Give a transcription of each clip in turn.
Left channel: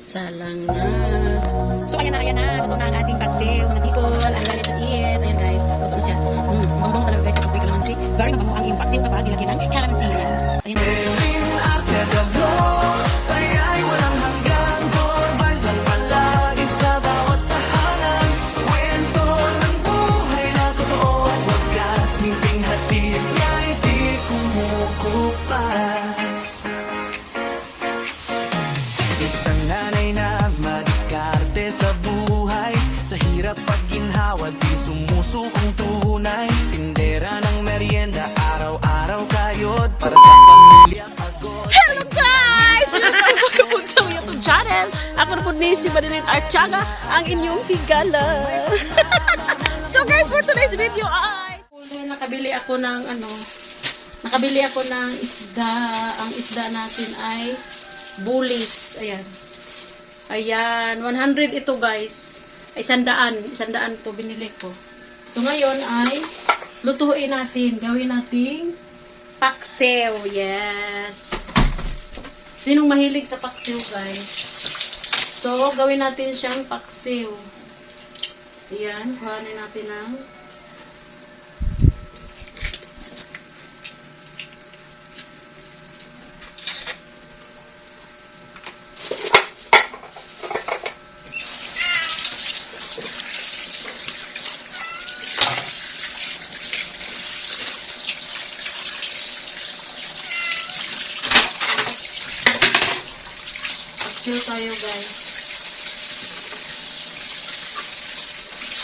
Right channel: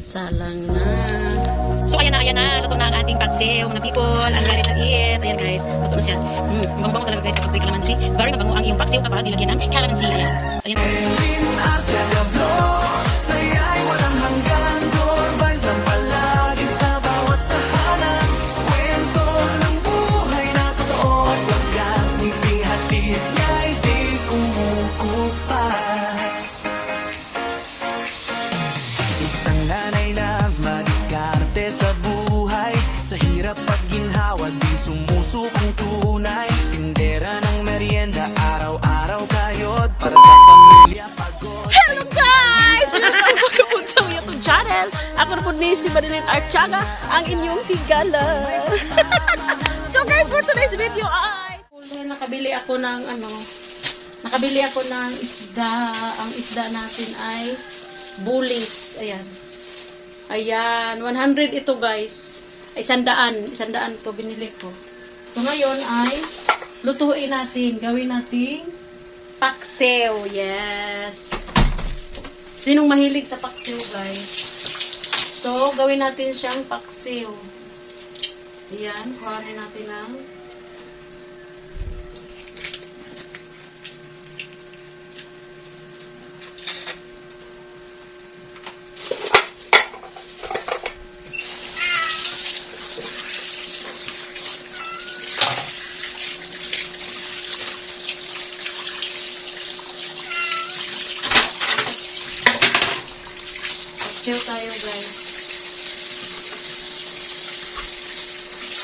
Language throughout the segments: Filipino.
Salang na. So ayan na, luto na ang ating paksiw, mga people, and ready to eat. Ayan guys, luto na siya. Mabango talaga guys kapag may kalamansi. Very mabango ang iyong paksiw kapag nilagyan ng kalamansi. Ayan. Ayan. Saya'y walang hanggan, core vibes ang palagi sa bawat tahanan. Kwento ng buhay na totoo at wagas, ngiping hatid niya'y di kumukupas. Isang nanay na madiskarte sa buhay, sa hirap pag ginhawa di sumusukong tunay. Tindera ng merienda, araw-araw kayod para sa pamilya pagod. Hello guys! Welcome sa YouTube channel. Ako na po ni si Marilyn Archaga, ang inyong higala. So guys, for today's video ay nakabili ako ng isda. Ang isda natin ay bulis. Ayan. Ayan, 100 ito guys. Ay 100 to binili ko. So ngayon ay lutuin natin, gawin nating paksiw. Yes. Sinong mahilig sa paksiw guys? So gawin natin siyang paksiw. Ayan, kuhanin natin ng paksiw tayo guys.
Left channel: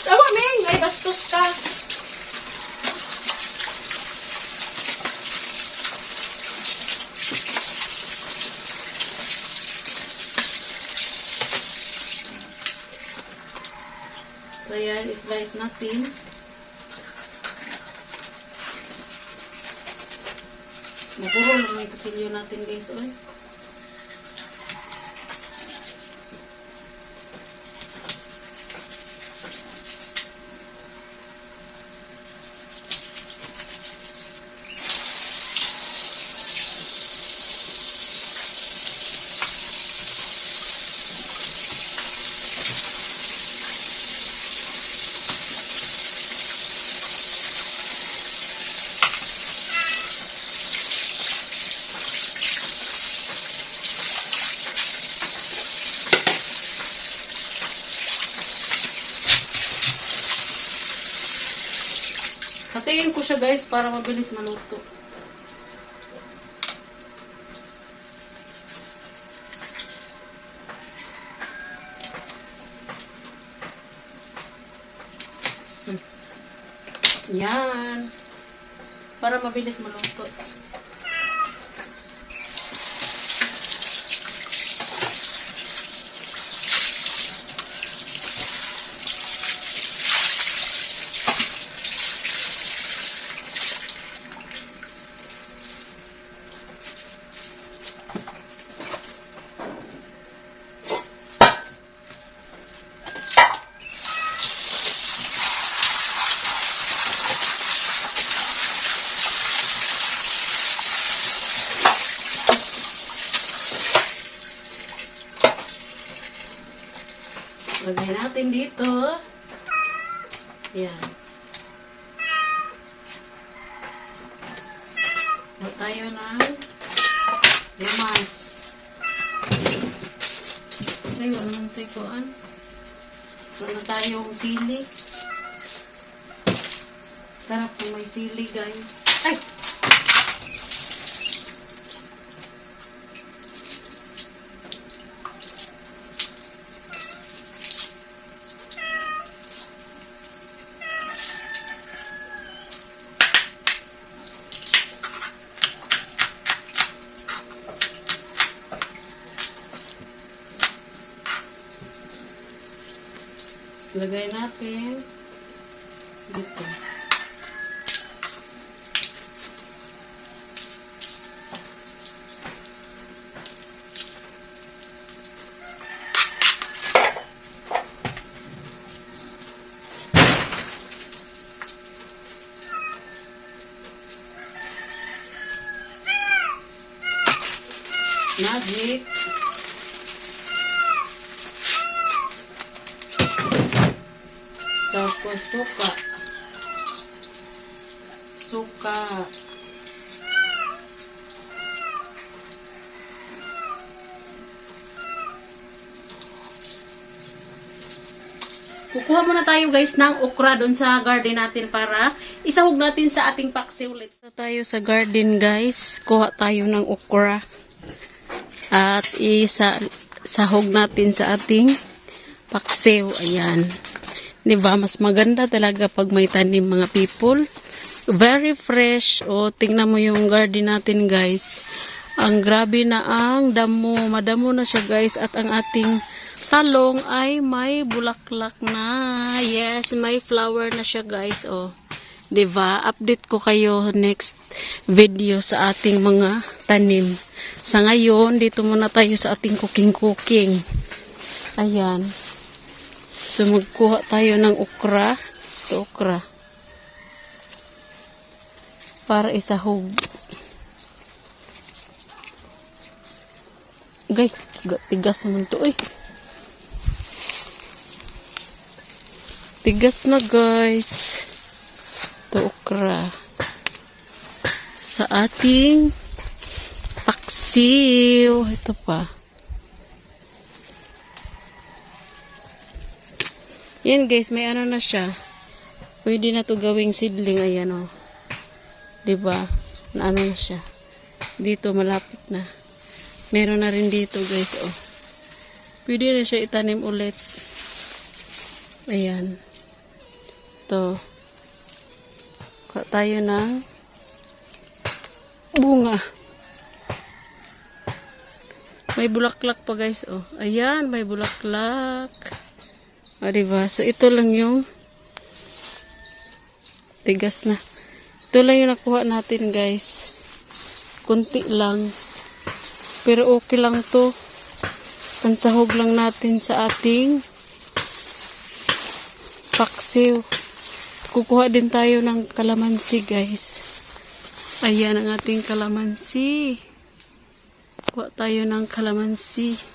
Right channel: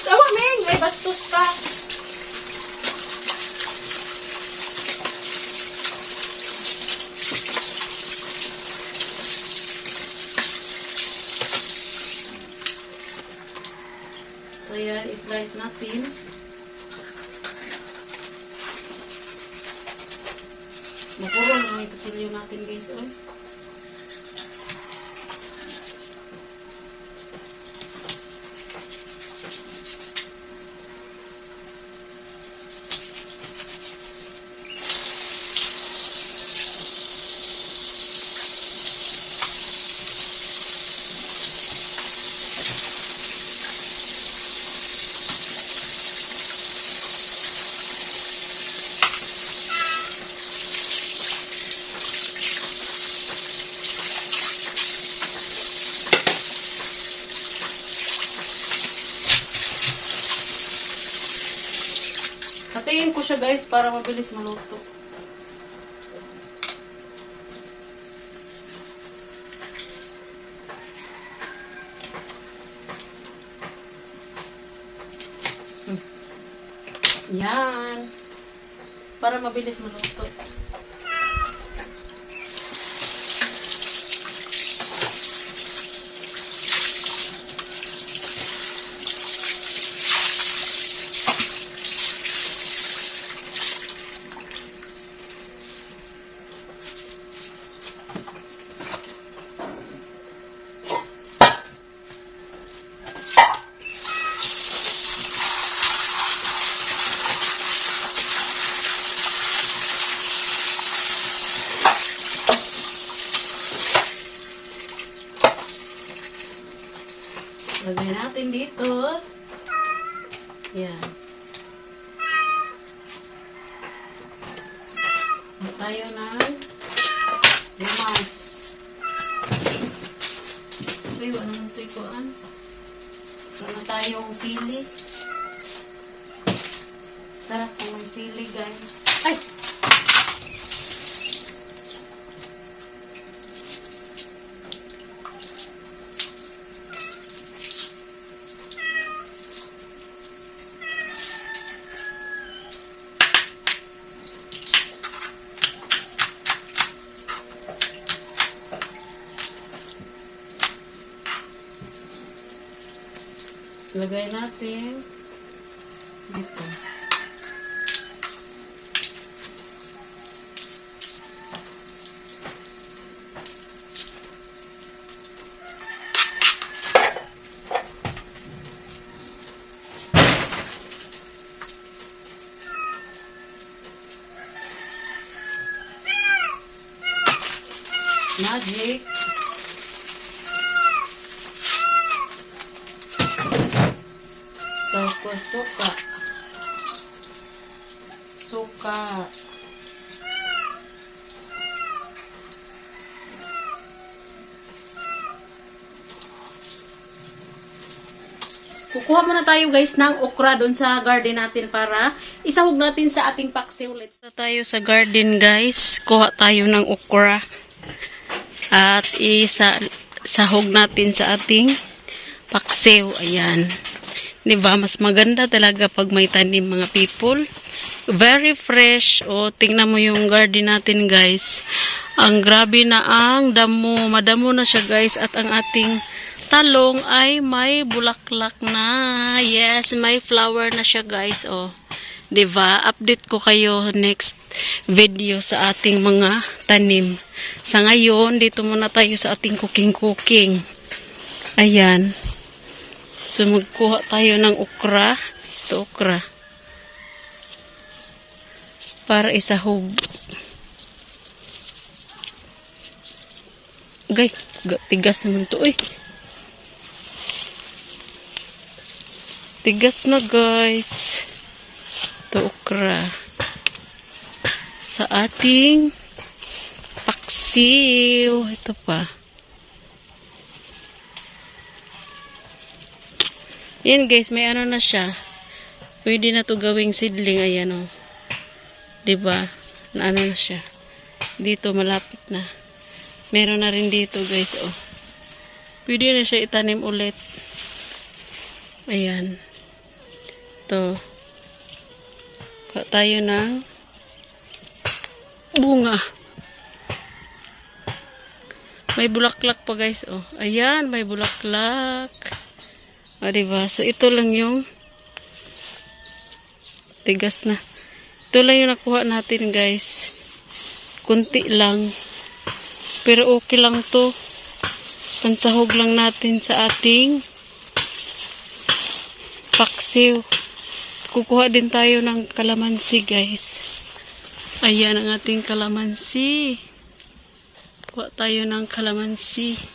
Tawa Ming! Ay bastos ka! So yan, slice natin. Mapuro lang yung kutsilyo natin guys. Oy. Hatiin ko siya guys para mabilis maluto. Yan. Para mabilis maluto. Lagay natin dito. Yan. Huwag tayo ng lumas. Ay, walang tikuan. Wala tayong sili. Sarap kung may sili, guys. Ay! Lagay natin dito. Magic. Tapos suka. Suka. Kukuha muna tayo guys ng okra doon sa garden natin para isahog natin sa ating paksiw. Let's go tayo sa garden guys. Kuha tayo ng okra. At isahog natin sa ating paksiw. Ayan. Diba? Mas maganda talaga pag may tanim mga people. Very fresh. O, tingnan mo yung garden natin guys. Ang grabe na ang damo. Madamo na siya guys. At ang ating talong ay may bulaklak na. Yes, may flower na siya guys. Oh, 'di ba? Update ko kayo next video sa ating mga tanim. Sa ngayon, dito muna tayo sa ating cooking. Ayan. So magkuha tayo ng okra. Ito okra. Para isahog. Gay, tigas naman to. Tigas na guys. Ito okra. Sa ating paksiw. Ito pa. Yan guys, may ano na siya. Pwede na to gawing seedling. Ayan o. Diba? Na ano na siya. Dito malapit na. Meron na rin dito guys o. Pwede na siya itanim ulit. Ayan. Ito. Kuha tayo ng bunga. May bulaklak pa guys. Oh. Ayan, may bulaklak. O, diba? So, ito lang yung tigas na. Ito lang yung nakuha natin guys. Kunti lang. Pero okay lang to. Pansahog lang natin sa ating paksiw. Kukuha din tayo ng kalamansi guys. Ayan ang ating kalamansi. Kuha tayo ng kalamansi.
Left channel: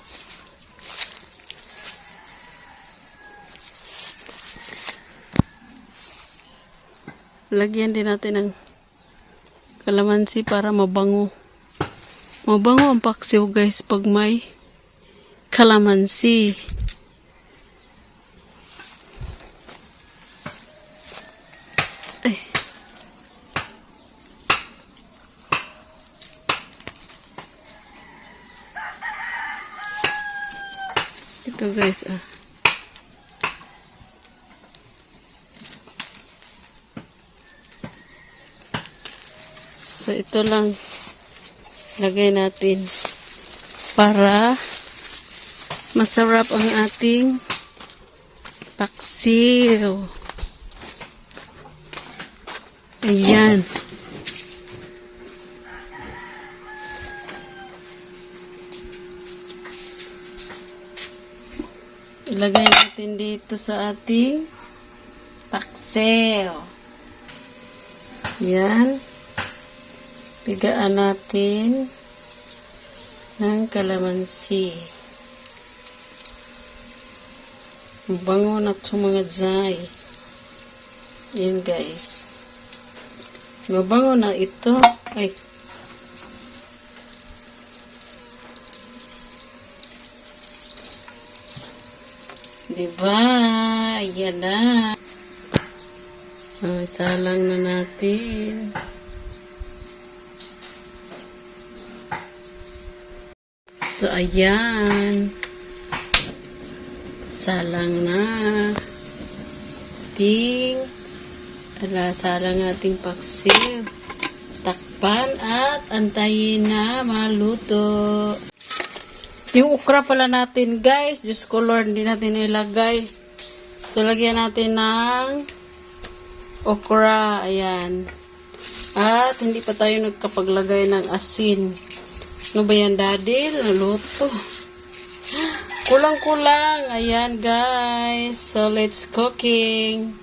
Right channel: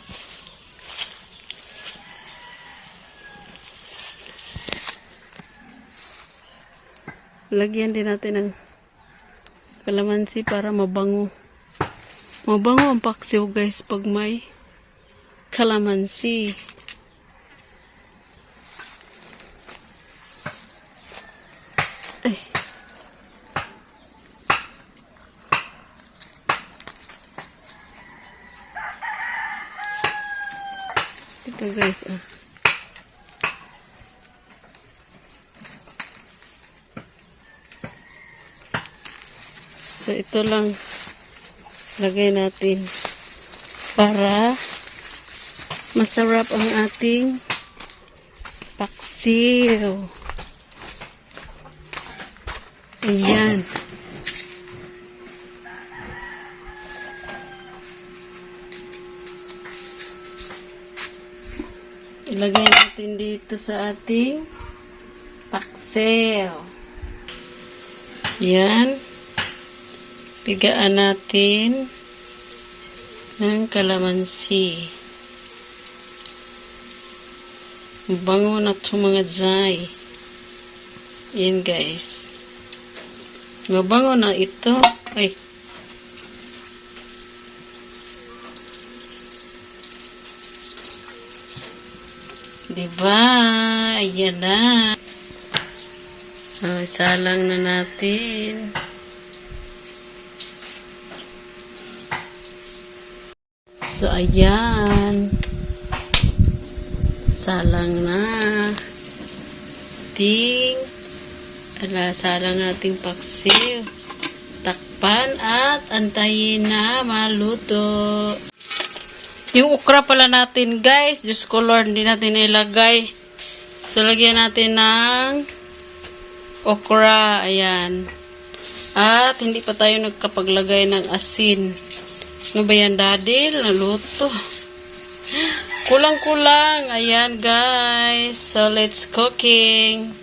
Lagyan din natin ng kalamansi para mabango. Mabango ang paksiw guys pag may kalamansi. Ay. Ito guys ah. So ito lang lagay natin para masarap ang ating paksiw. Ayan. Ilagay natin dito sa ating paksiw. Ayan. Pigaan natin ng kalamansi. Bango na ito mga dzay. Ayan guys. Mabango na ito. Ay. Diba? Ayan na. Isalang na natin. So, ayan. Salang na. Salang ating paksiw. Takpan at antayin na maluto. Yung okra pala natin, guys. Diyos ko Lord, hindi natin ilagay. So, lagyan natin ng okra. Ayan. At hindi pa tayo nagkapaglagay ng asin. Ano ba yan, daddy? Naluto. Kulang-kulang. Ayan, guys. So, let's cooking.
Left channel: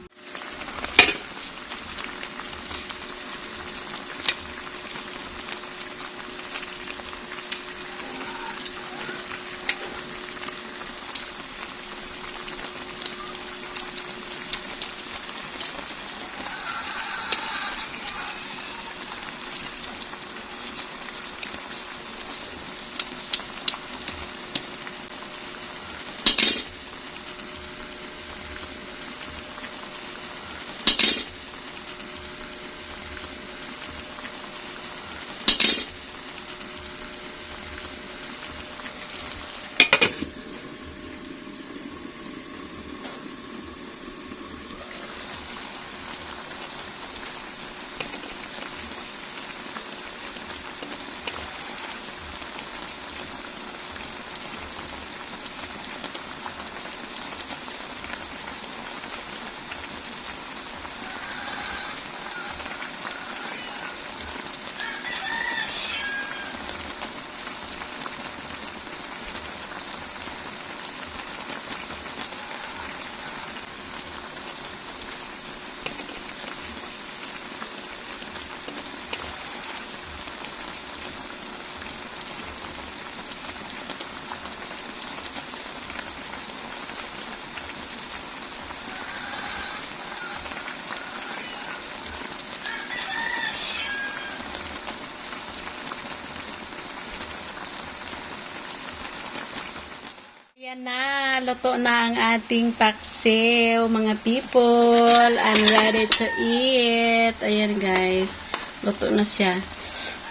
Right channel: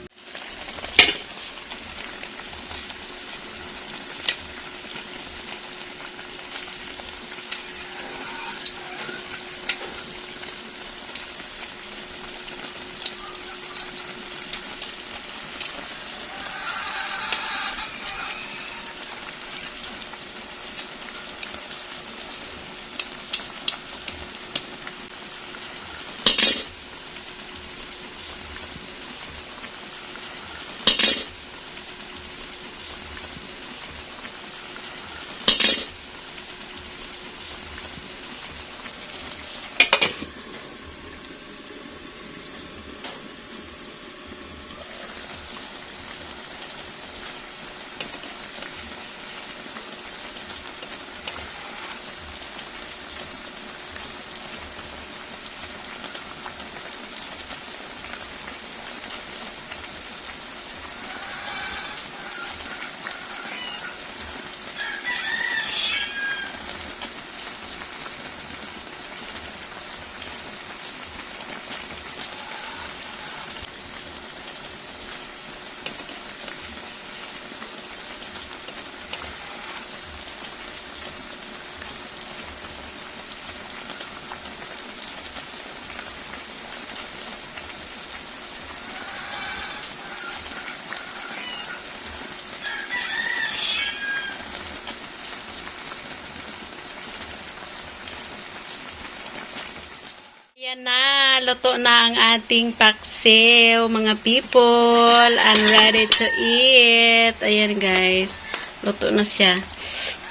Ayan na, luto na ang ating paksiw, mga people. I'm ready to eat. Ayan guys, luto na siya.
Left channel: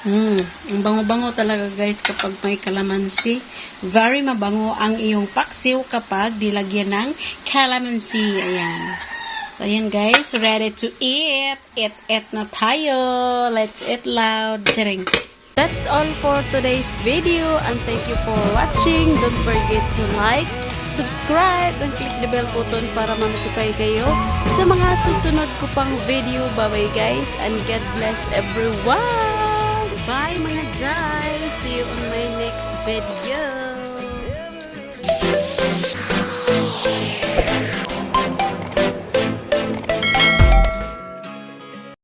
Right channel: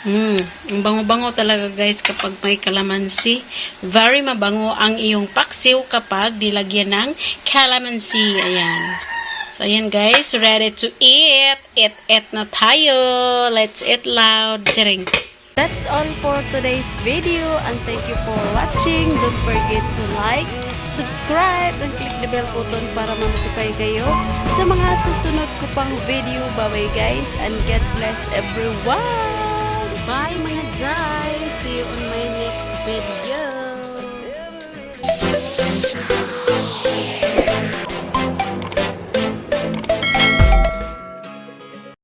Ang bango-bango talaga guys kapag may kalamansi. Very mabango ang iyong paksiw kapag dilagyan ng kalamansi. Ayan. So ayan guys, ready to eat. Eat na tayo. Let's eat loud. Charing. That's all for today's video and thank you for watching. Don't forget to like, subscribe, and click the bell button para ma-notify kayo sa mga susunod ko pang video. Bye-bye guys and God bless everyone! Bye mga guys! See you on my next video!